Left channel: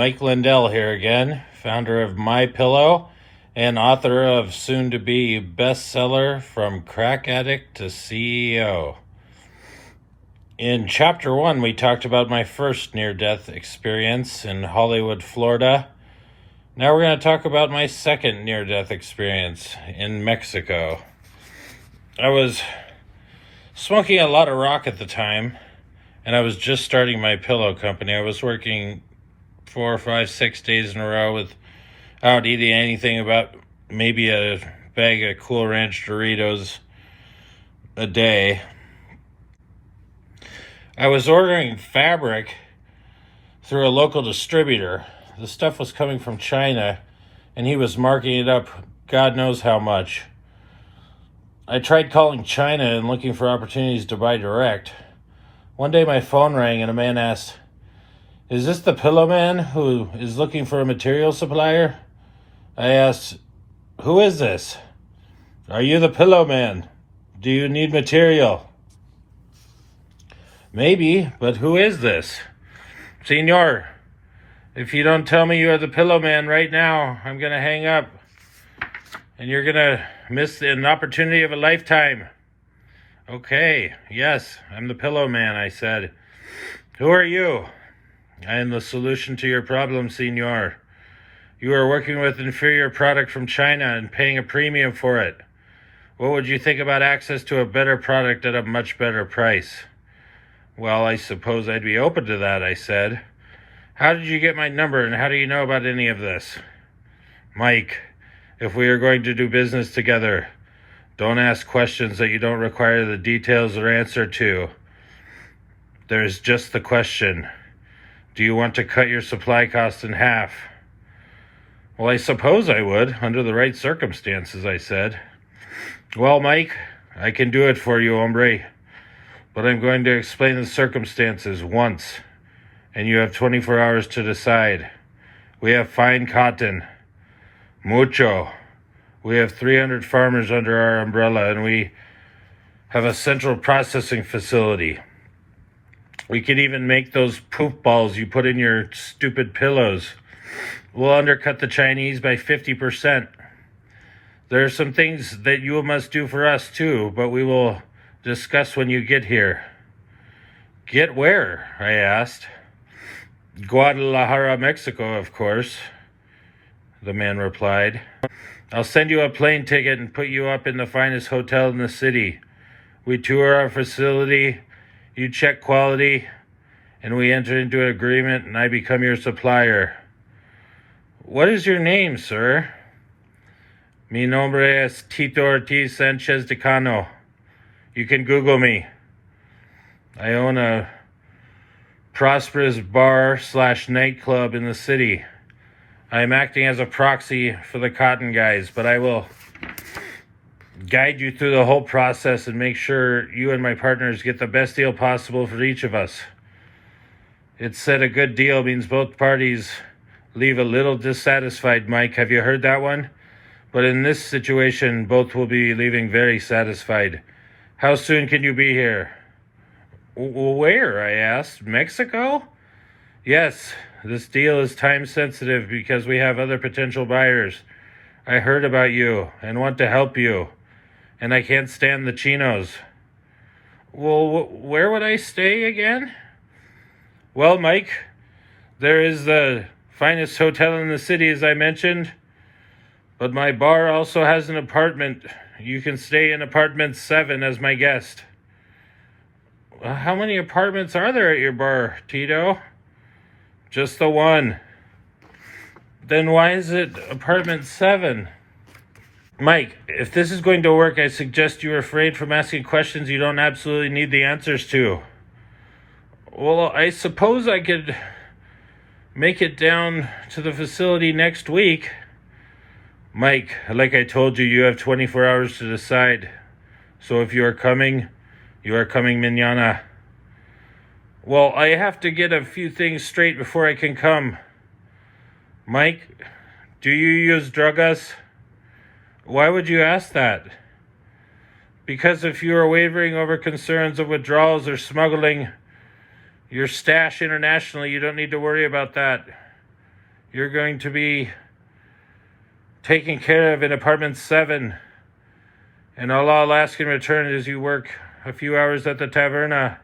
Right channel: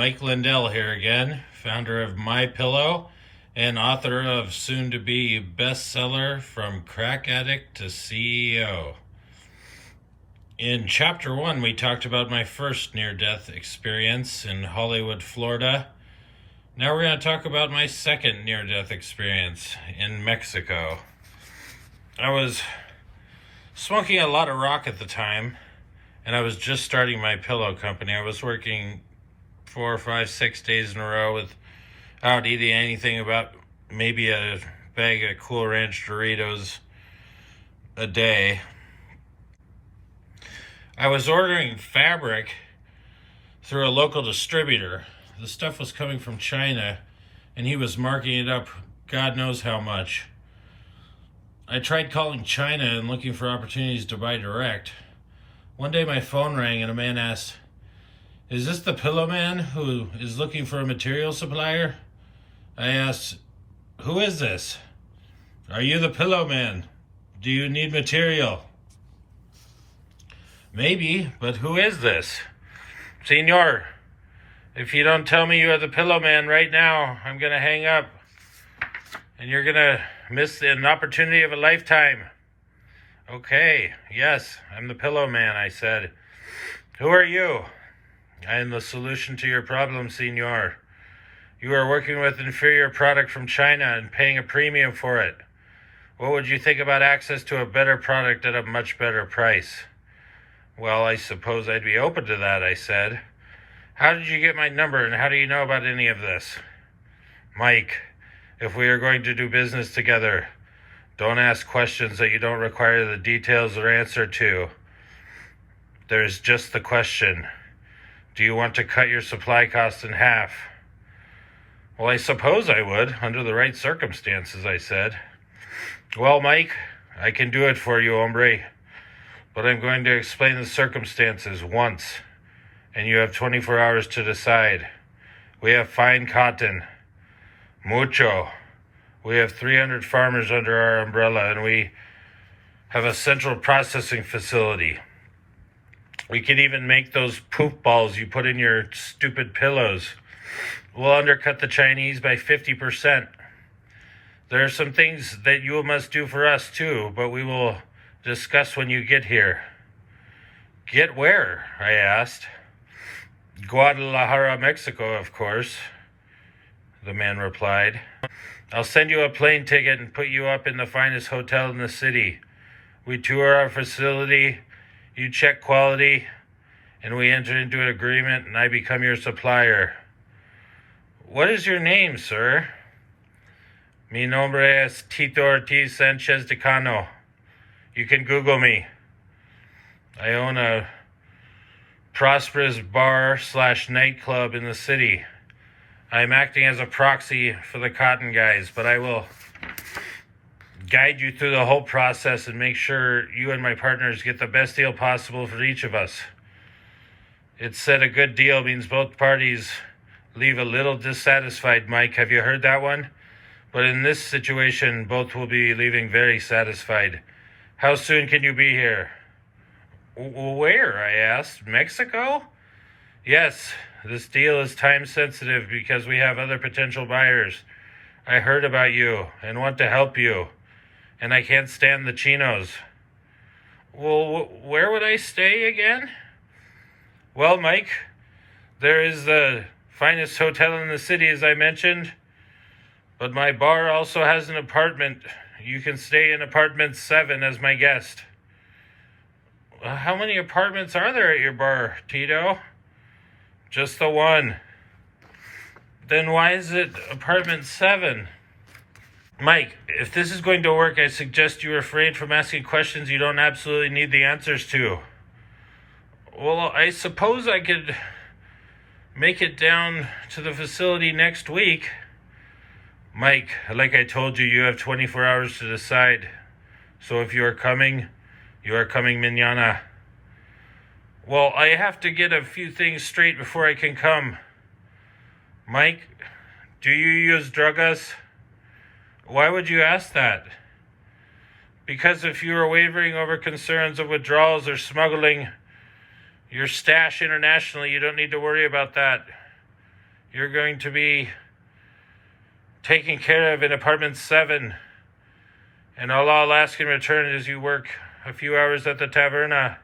Mike Lindell here again, founder of My Pillow and author of soon-to-be bestseller From Crack Addict to CEO. In Chapter 1, we talked about my first near-death experience in Hollywood, Florida. Now we're going to talk about my second near-death experience in Mexico. I was smoking a lot of rock at the time, and I was just starting my pillow company. I was working 4, 5, 6 days in a row without eating anything about maybe a bag of Cool Ranch Doritos a day. I was ordering fabric through a local distributor. The stuff was coming from China, and he was marking it up God knows how much. I tried calling China and looking for opportunities to buy direct. One day my phone rang and a man asked, "Is this the Pillow Man who is looking for a material supplier?" I asked, "Who is this? Are you the Pillow Man? Do you need material?" "Maybe, but who is this?" "Senor, if you don't tell me you are the Pillow Man right now, I'm going to hang up. And you're going to miss an opportunity of a lifetime." "Okay, yes, I'm the Pillow Man," I said. "Who are you?" "I am the solution to your problem, senor. You are working with inferior product from China and paying a premium for it. What would you think about access to a better product at a much better price?" "Well, I suppose I'd be open to that," I said. "How did you get my number, and how do you know about any of this?" "Mike, if we are going to do business together, don't ask questions that you don't require the details or answer to. There's just the question. Do you want to cut your supply cost in half?" "Well, I suppose I would, under the right circumstances," I said. "Well, Mike, I can do it for you, hombre. But I'm going to explain the circumstances once, and you have 24 hours to decide. We have fine cotton. Mucho. We have 300 farmers under our umbrella, and we have a central processing facility. We can even make those poof balls you put in your stupid pillows. We'll undercut the Chinese by 50%. There are some things that you must do for us too, but we will discuss when you get here." "Get where?" I asked. "Guadalajara, Mexico, of course," the man replied. "I'll send you a plane ticket and put you up in the finest hotel in the city. We tour our facility, you check quality, and we enter into an agreement, and I become your supplier." "What is your name, sir?" "Mi nombre es Tito Ortiz Sanchez de Cano. You can Google me. I own a prosperous bar/nightclub in the city. I am acting as a proxy for the cotton guys, but I will guide you through the whole process and make sure you and my partners get the best deal possible for each of us. It's said a good deal means both parties leave a little dissatisfied, Mike. Have you heard that one? But in this situation, both will be leaving very satisfied. How soon can you be here?" "Where?" I asked. "Mexico?" "Yes, this deal is time sensitive because we have other potential buyers. I heard about you and want to help you, and I can't stand the chinos." "Well, where would I stay again?" "Well, Mike, there is the finest hotel in the city, as I mentioned, but my bar also has an apartment. You can stay in apartment 7 as my guest." "How many apartments are there at your bar, Tito?" "Just the one." "Then why is it apartment 7? "Mike, if this is going to work, I suggest you refrain from asking questions you don't absolutely need the answers to." "Well, I suppose I could make it down to the facility next week." "Mike, like I told you, you have 24 hours to decide. So if you are coming mañana." "Well, I have to get a few things straight before I can come." "Mike, do you use drugas?" "Why would you ask that?" "Because if you are wavering over concerns of withdrawals or smuggling your stash internationally, you don't need to worry about that. you're going to be taken care of in apartment 7. And all I'll ask in return is you work a few hours at the Taberna.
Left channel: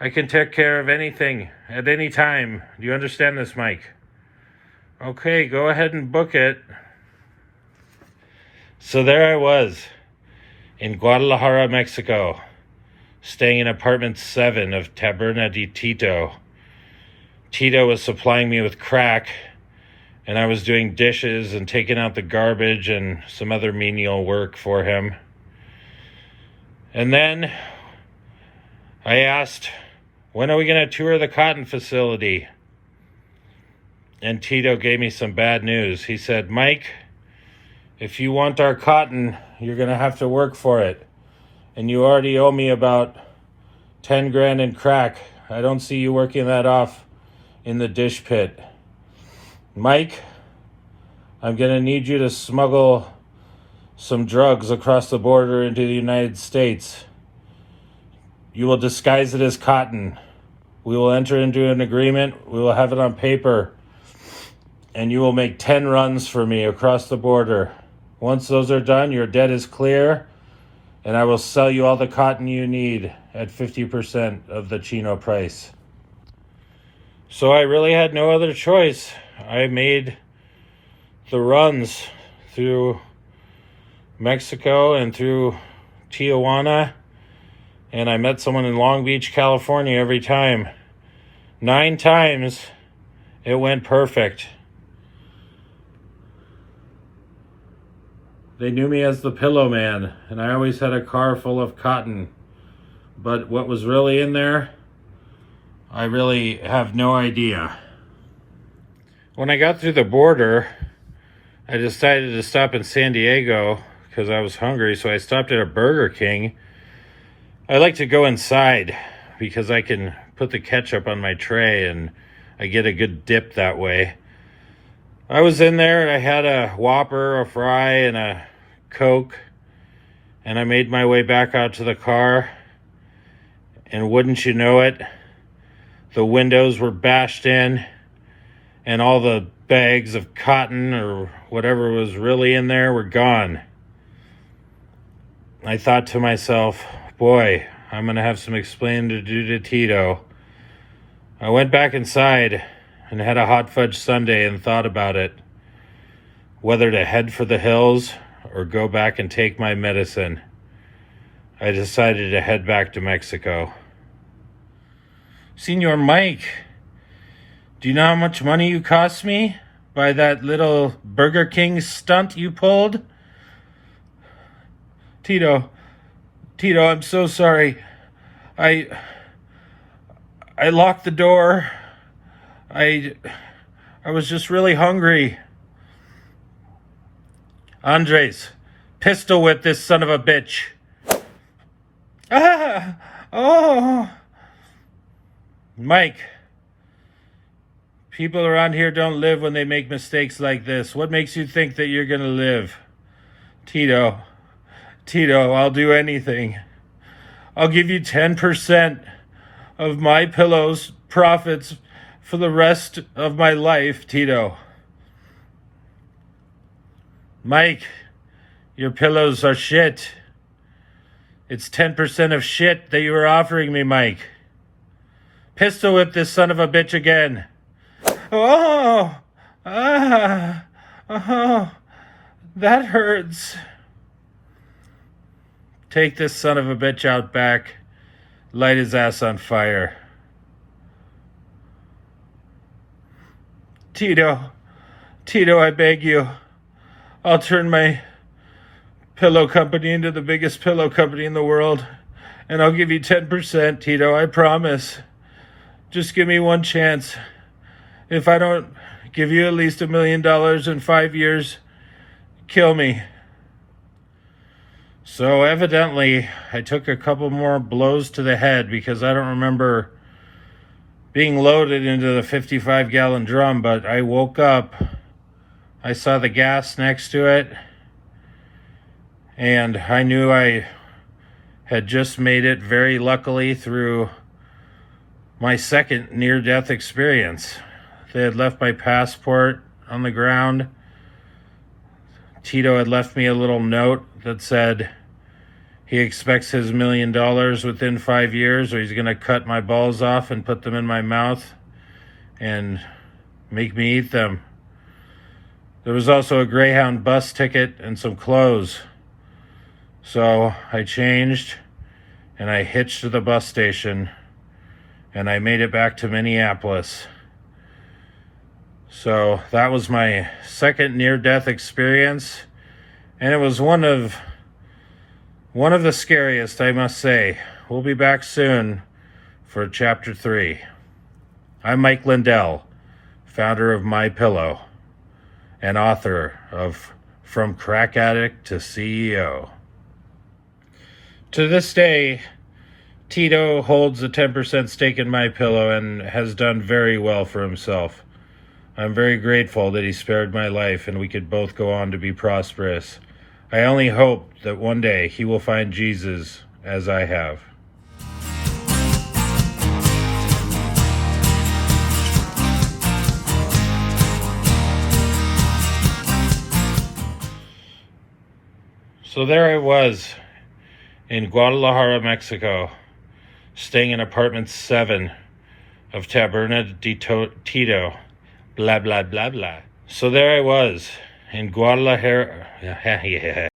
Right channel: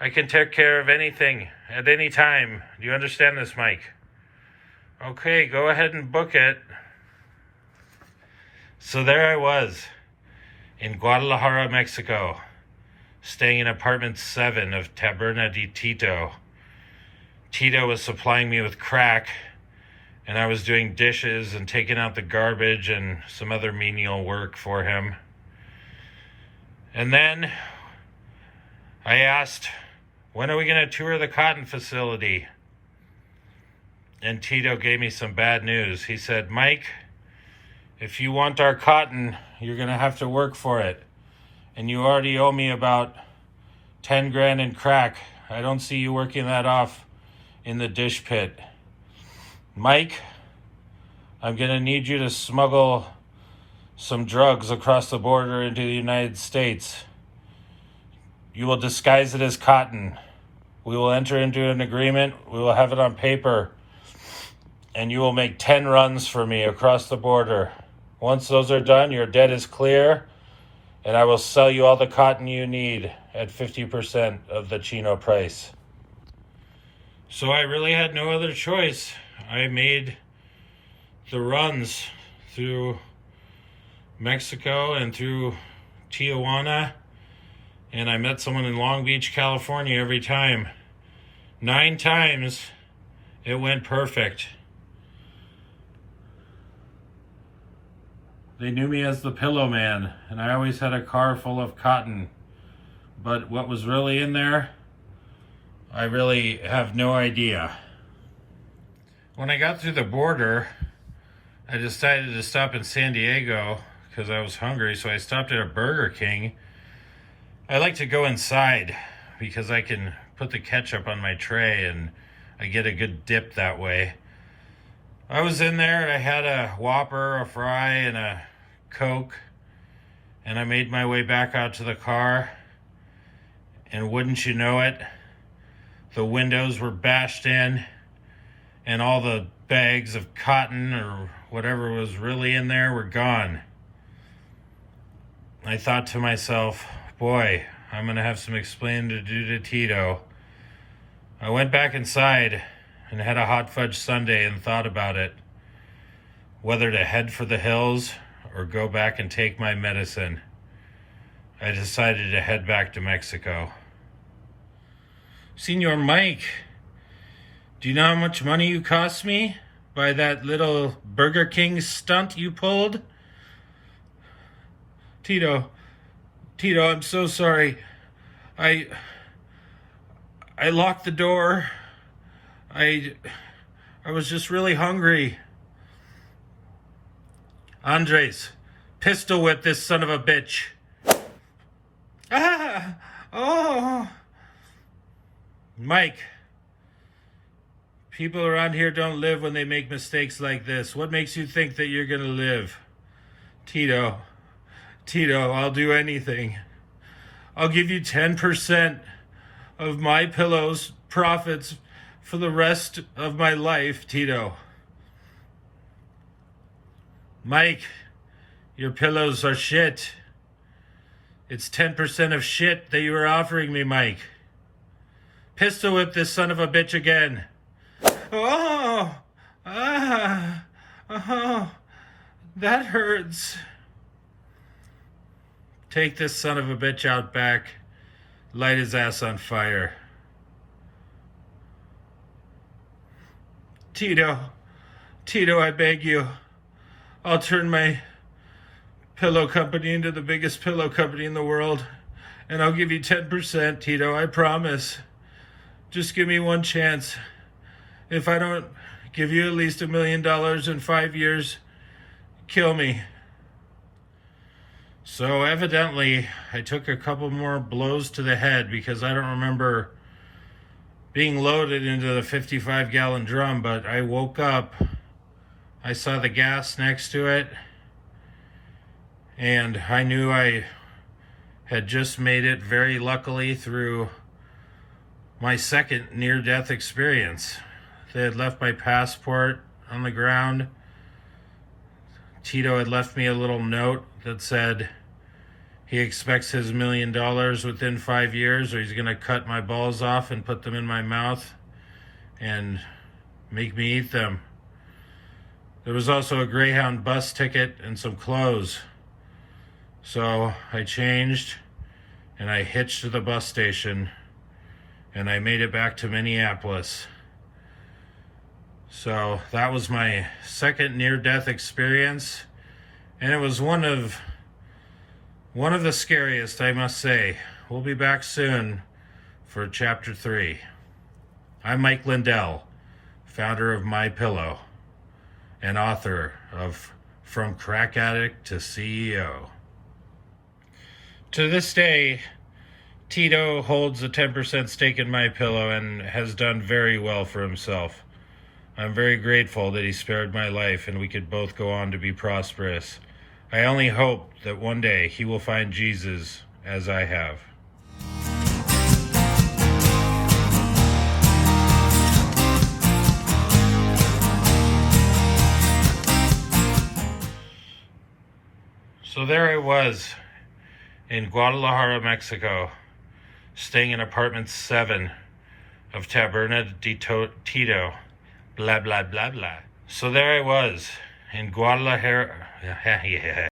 I can take care of anything at any time. Do you understand this, Mike? Okay, go ahead and book it. So there I was in Guadalajara, Mexico, staying in apartment 7 of Taberna de Tito. Tito was supplying me with crack, and I was doing dishes and taking out the garbage and some other menial work for him. And then I asked, when are we going to tour the cotton facility? And Tito gave me some bad news. He said, Mike, if you want our cotton, you're going to have to work for it. And you already owe me about 10 grand in crack. I don't see you working that off in the dish pit. Mike, I'm going to need you to smuggle some drugs across the border into the United States. You will disguise it as cotton. We will enter into an agreement. We will have it on paper. And you will make 10 runs for me across the border. Once those are done, your debt is clear, and I will sell you all the cotton you need at 50% of the chino price. So I really had no other choice. I made the runs through Mexico and through Tijuana, and I met someone in Long Beach, California every time. 9 times it went perfect. They knew me as the Pillow Man, and I always had a car full of cotton. But what was really in there, I really have no idea. When I got through the border, I decided to stop in San Diego because I was hungry, so I stopped at a Burger King. I like to go inside because I can put the ketchup on my tray and I get a good dip that way. I was in there and I had a Whopper, a fry, and a Coke, and I made my way back out to the car, and wouldn't you know it, the windows were bashed in and all the bags of cotton or whatever was really in there were gone. I thought to myself, boy, I'm gonna have some explaining to do to Tito. I went back inside and had a hot fudge sundae and thought about it, whether to head for the hills or go back and take my medicine. I decided to head back to Mexico. Senor Mike, do you know how much money you cost me by that little Burger King stunt you pulled? Tito, I'm so sorry. I locked the door. I was just really hungry. Andres, pistol whip this son of a bitch. Ah! Oh! Mike, people around here don't live when they make mistakes like this. What makes you think that you're gonna live? Tito, I'll do anything. I'll give you 10% of my Pillow's profits for the rest of my life, Tito. Mike, your pillows are shit. It's 10% of shit that you were offering me, Mike. Pistol whip this son of a bitch again. Oh! Ah! Oh! That hurts. Take this son of a bitch out back. Light his ass on fire. Tito, I beg you. I'll turn my pillow company into the biggest pillow company in the world, and I'll give you 10%, Tito, I promise. Just give me one chance. If I don't give you at least $1 million in 5 years, kill me. So evidently, I took a couple more blows to the head because I don't remember being loaded into the 55-gallon drum, but I woke up. I saw the gas next to it, and I knew I had just made it very luckily through my second near-death experience. They had left my passport on the ground. Tito had left me a little note that said he expects his $1 million within 5 years, or he's going to cut my balls off and put them in my mouth and make me eat them. There was also a Greyhound bus ticket and some clothes. So I changed and I hitched to the bus station and I made it back to Minneapolis. So that was my second near-death experience, and it was one of the scariest, I must say. We'll be back soon for Chapter 3. I'm Mike Lindell, founder of My Pillow and author of From Crack Addict to CEO. To this day, Tito holds a 10% stake in My Pillow and has done very well for himself. I'm very grateful that he spared my life and we could both go on to be prosperous. I only hope that one day he will find Jesus as I have. So there I was in Guadalajara, Mexico, staying in apartment 7 of Taberna de Tito. Blah, blah, blah, blah. So there I was in Guadalajara. Yeah.